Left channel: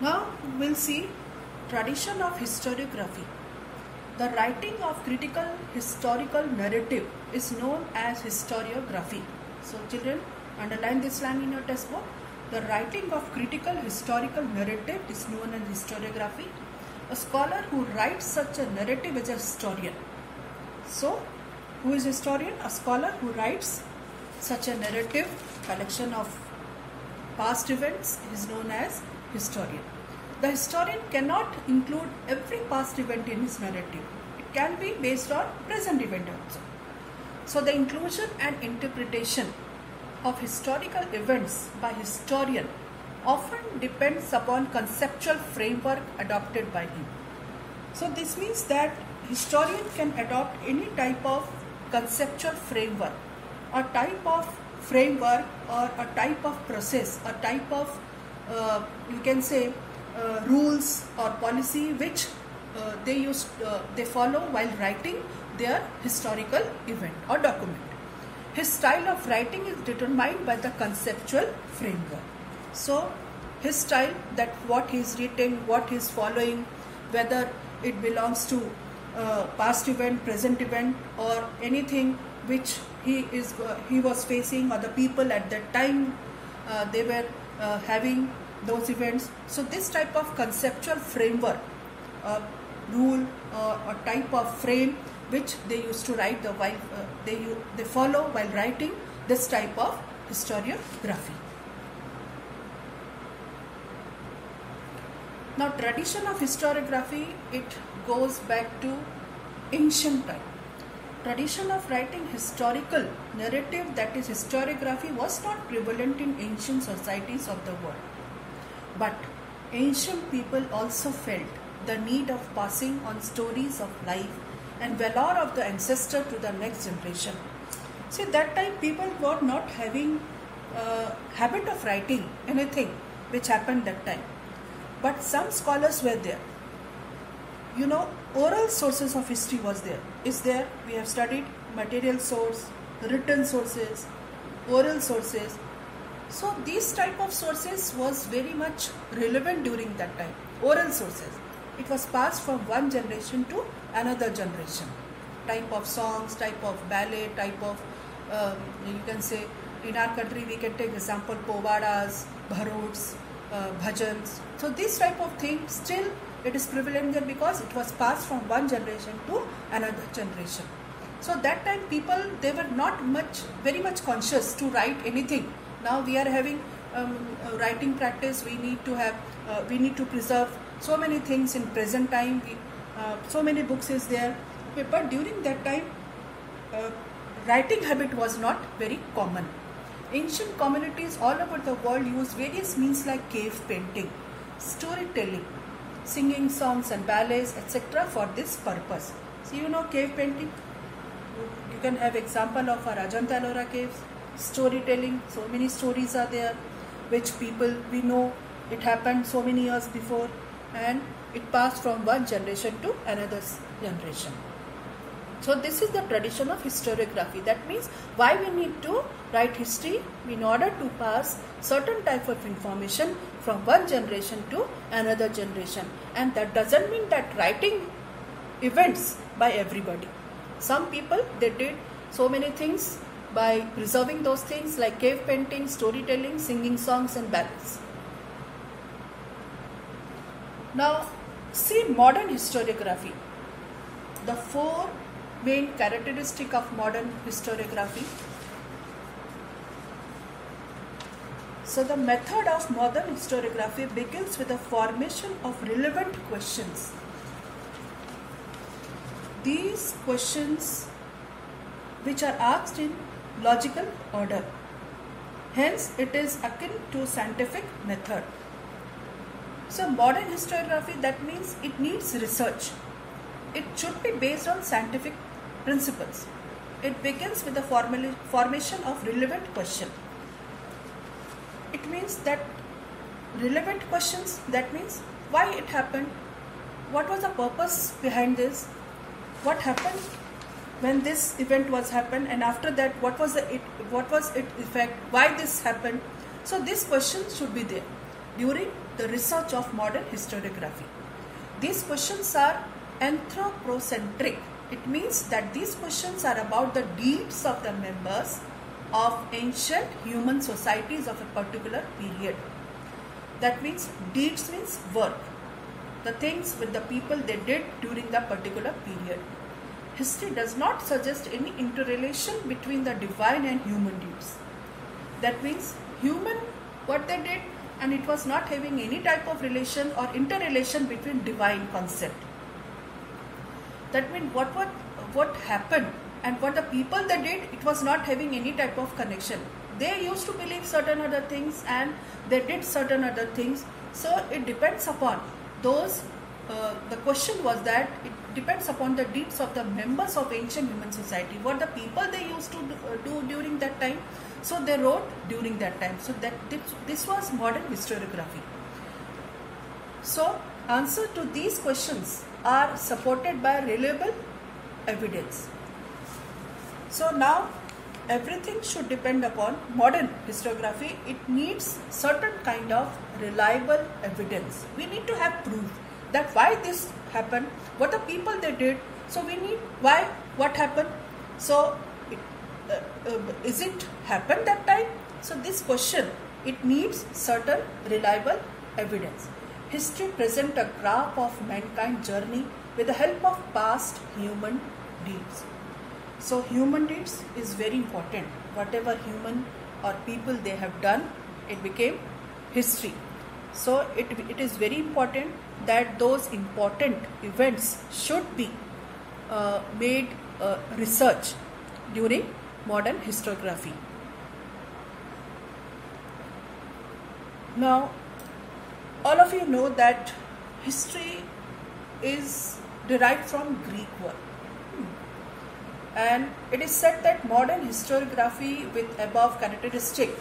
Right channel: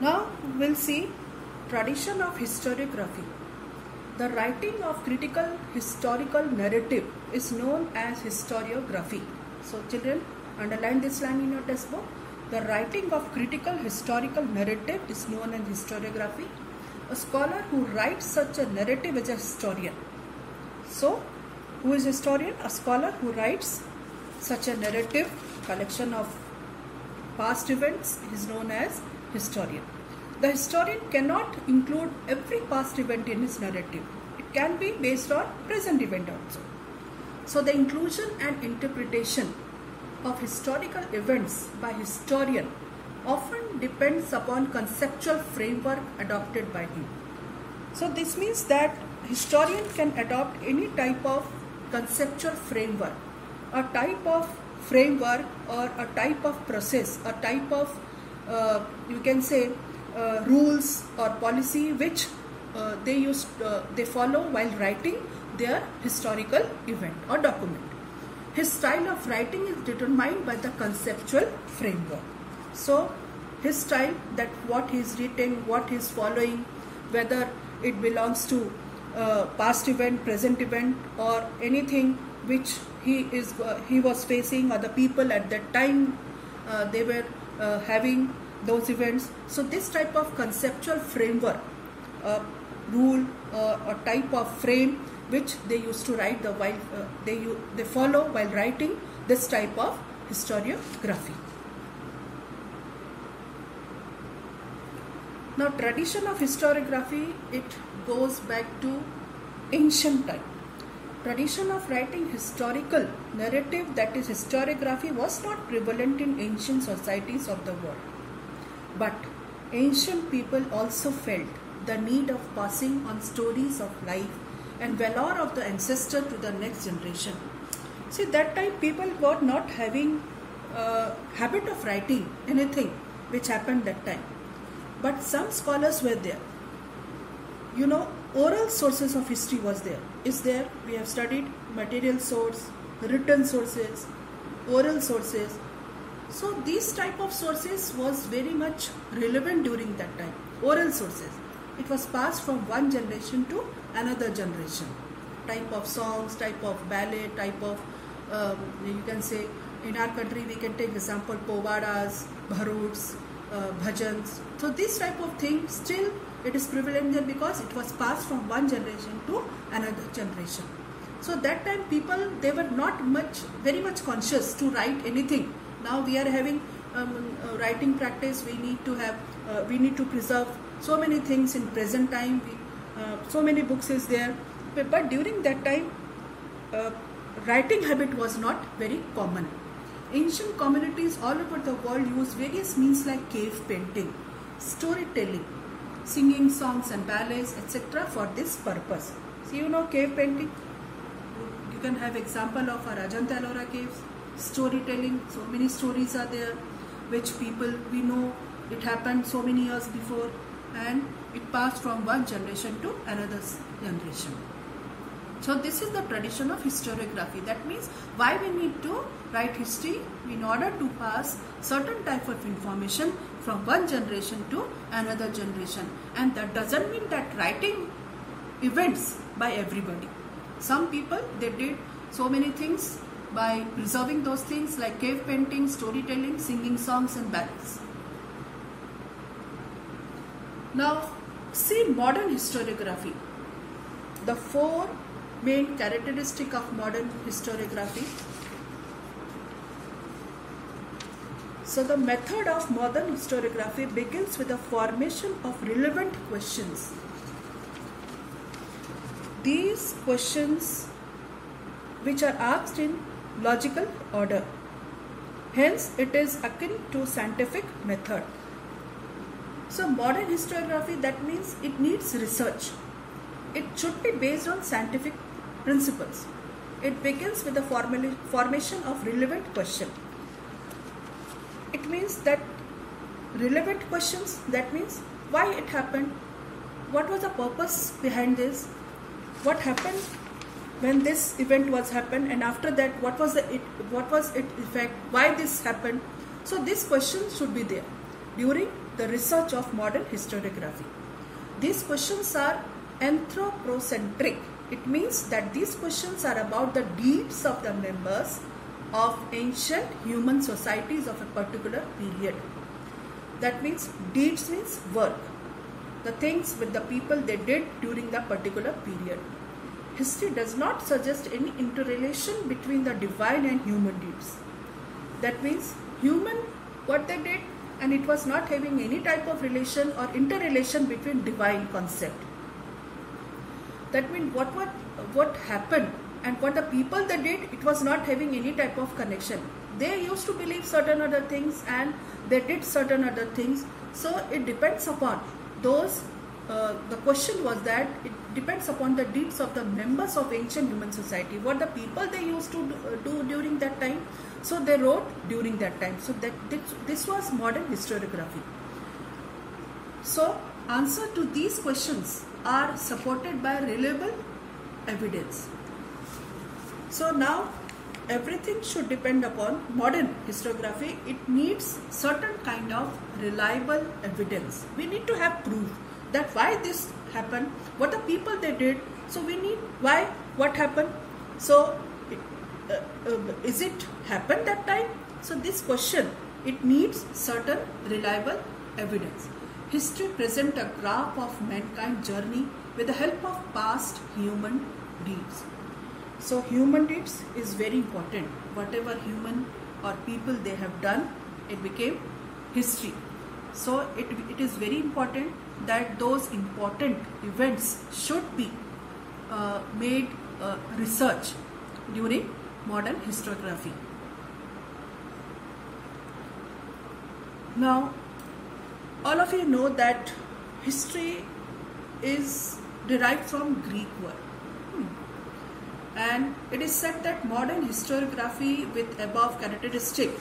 Now we'll see tradition of historiography. The writing of critical historical narrative is known as historiography. So children, underline this line in your textbook. The writing of critical historical narrative is known as historiography. A scholar who writes such a narrative is a historian. So, who is a historian? A scholar who writes such a narrative, collection of past events, is known as historian. The historian cannot include every past event in his narrative. It can be based on present event also. So the inclusion and interpretation of historical events by historian often depends upon conceptual framework adopted by him. So this means that historian can adopt any type of conceptual framework, a type of framework or a type of process, a type of you can say rules or policy which they follow while writing their historical event or document. His style of writing is determined by the conceptual framework. So his style, that what he is writing, what he is following, whether it belongs to past event, present event, or anything which he was facing, or the people at that time they were having those events. So this type of conceptual framework, rule or type of frame which they used to write while they follow while writing this type of historiography. Now tradition of historiography, it goes back to ancient time. Tradition of writing historical narrative, that is historiography, was not prevalent in ancient societies of the world. But ancient people also felt the need of passing on stories of life and valor of the ancestor to the next generation. See, that time people were not having habit of writing anything which happened that time. But some scholars were there. You know, oral sources of history is there. We have studied material source, written sources, oral sources. So these type of sources was very much relevant during that time. Oral sources. It was passed from one generation to another generation. Type of songs, type of ballet, type of, you can say, in our country we can take example, povadas, bharuds, bhajans. So this type of thing still it is prevalent there because it was passed from one generation to another generation. So that time people, they were not very much conscious to write anything. Now we are having writing practice. We need to preserve so many things in present time. So many books is there, but during that time writing habit was not very common. Ancient communities all over the world use various means like cave painting, storytelling, singing songs and ballets, etc. for this purpose. So you know cave painting, you can have example of our Ajanta Ellora caves. Storytelling, so many stories are there which people, we know it happened so many years before and it passed from one generation to another generation. So this is the tradition of historiography. That means why we need to write history, in order to pass certain type of information from one generation to another generation. And that doesn't mean that writing events by everybody. Some people, they did so many things by preserving those things like cave painting, storytelling, singing songs and ballads. Now see modern historiography. The four main characteristic of modern historiography. So the method of modern historiography begins with the formation of relevant questions. These questions which are asked in logical order. Hence it is akin to scientific method. So modern historiography, that means it needs research. It should be based on scientific principles. It begins with the formation of relevant question. It means that relevant questions, that means why it happened, what was the purpose behind this, what happened when this event was happened, and after that what was its effect, why this happened. So this question should be there. during the research of modern historiography. These questions are anthropocentric. It means that these questions are about the deeds of the members of ancient human societies of a particular period. That means deeds means work, the things with the people they did during the particular period. History does not suggest any interrelation between the divine and human deeds. That means human what they did, and it was not having any type of relation or interrelation between divine concept. That means what happened and what the people they did, it was not having any type of connection. They used to believe certain other things and they did certain other things. So it depends upon those, the question was that it depends upon the deeds of the members of ancient human society, what the people they used to do during that time. So they wrote during that time. So that this was modern historiography. So answer to these questions are supported by reliable evidence. So now everything should depend upon modern historiography. It needs certain kind of reliable evidence. We need to have proof that why this happened, what the people they did. So we need why, what happened. So is it happened that time? So this question, it needs certain reliable evidence. History presents a graph of mankind's journey with the help of past human deeds. So human deeds is very important. Whatever human or people they have done, it became history. So it is very important that those important events should be made research during modern historiography. Now, all of you know that history is derived from Greek word. And it is said that modern historiography with above characteristic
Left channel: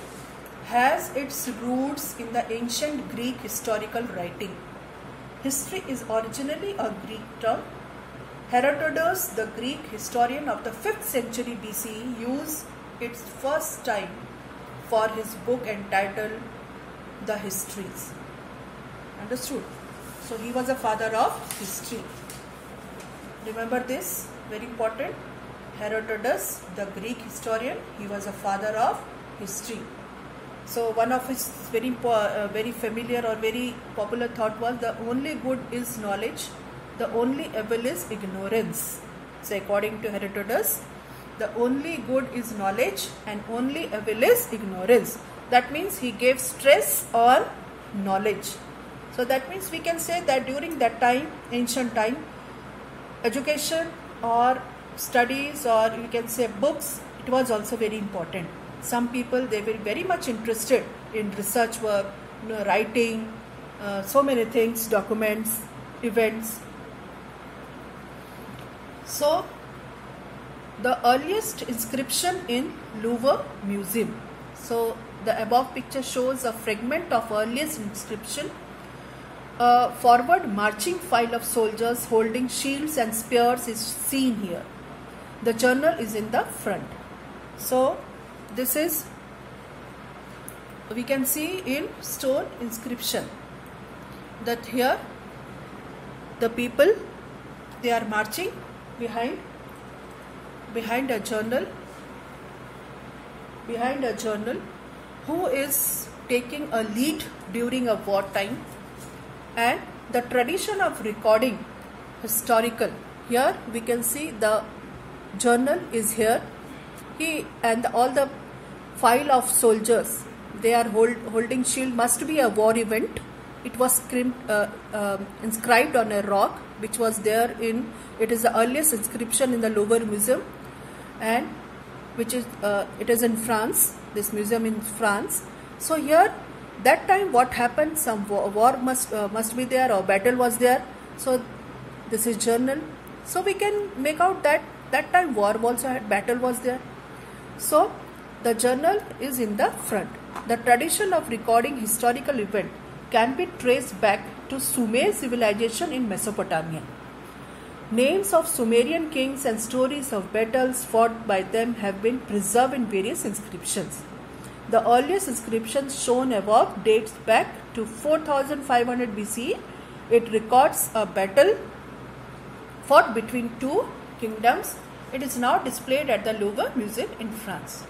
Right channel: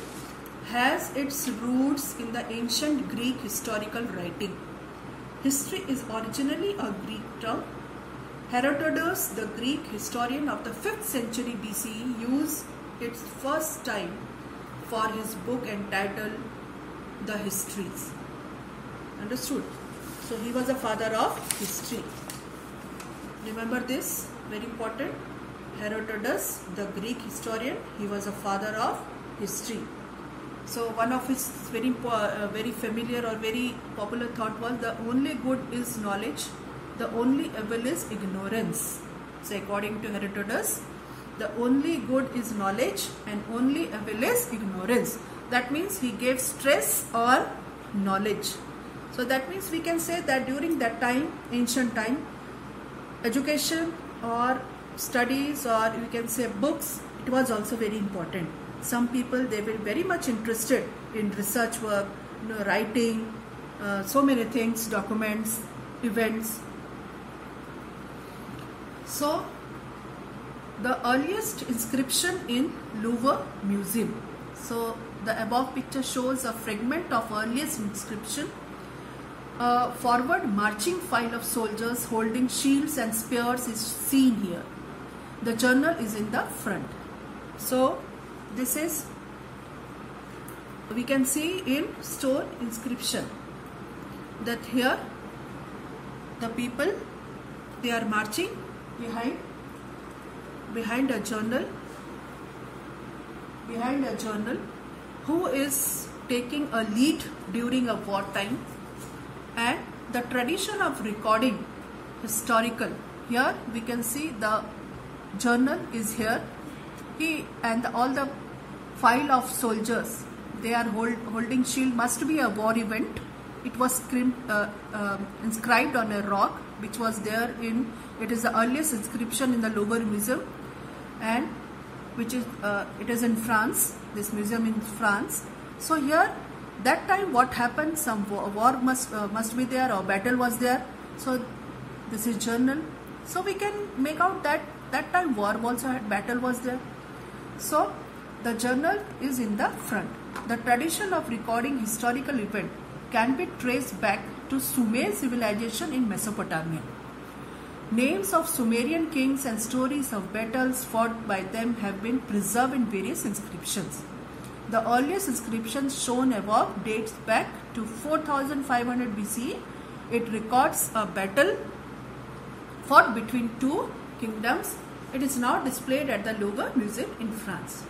has its roots in the ancient Greek historical writing. History is originally a Greek term. Herodotus, the Greek historian of the 5th century BCE, used it first time for his book entitled The Histories. Understood? So he was a father of history. Remember this, very important. Herodotus, the Greek historian, he was a father of history. So one of his very familiar or very popular thought was the only good is knowledge, the only evil is ignorance. So according to Herodotus, the only good is knowledge and only evil is ignorance. That means he gave stress on knowledge. So that means we can say that during that time, ancient time, education or studies or you can say books, it was also very important. Some people, they were very much interested in research work, writing, so many things, documents, events. So the earliest inscription in Louvre Museum. So the above picture shows a fragment of earliest inscription. A forward marching file of soldiers holding shields and spears is seen here. The journal is in the front. So this is, we can see in stone inscription that here the people, they are marching behind a journal, who is taking a lead during a wartime. And the tradition of recording historical, here we can see the journal is here. He and all the file of soldiers, they are holding shield, must be a war event. It was inscribed on a rock which was there in, it is the earliest inscription in the Louvre Museum, and which is it is in France, this museum in France. So here that time what happened, some war must be there or battle was there. So this is journal. So we can make out that that time war also had, battle was there. So the journal is in the front. The tradition of recording historical event can be traced back to Sumer civilization in Mesopotamia. Names of Sumerian kings and stories of battles fought by them have been preserved in various inscriptions. The earliest inscription shown above dates back to 4500 BCE. It records a battle fought between two kingdoms. It is now displayed at the Louvre Museum in France.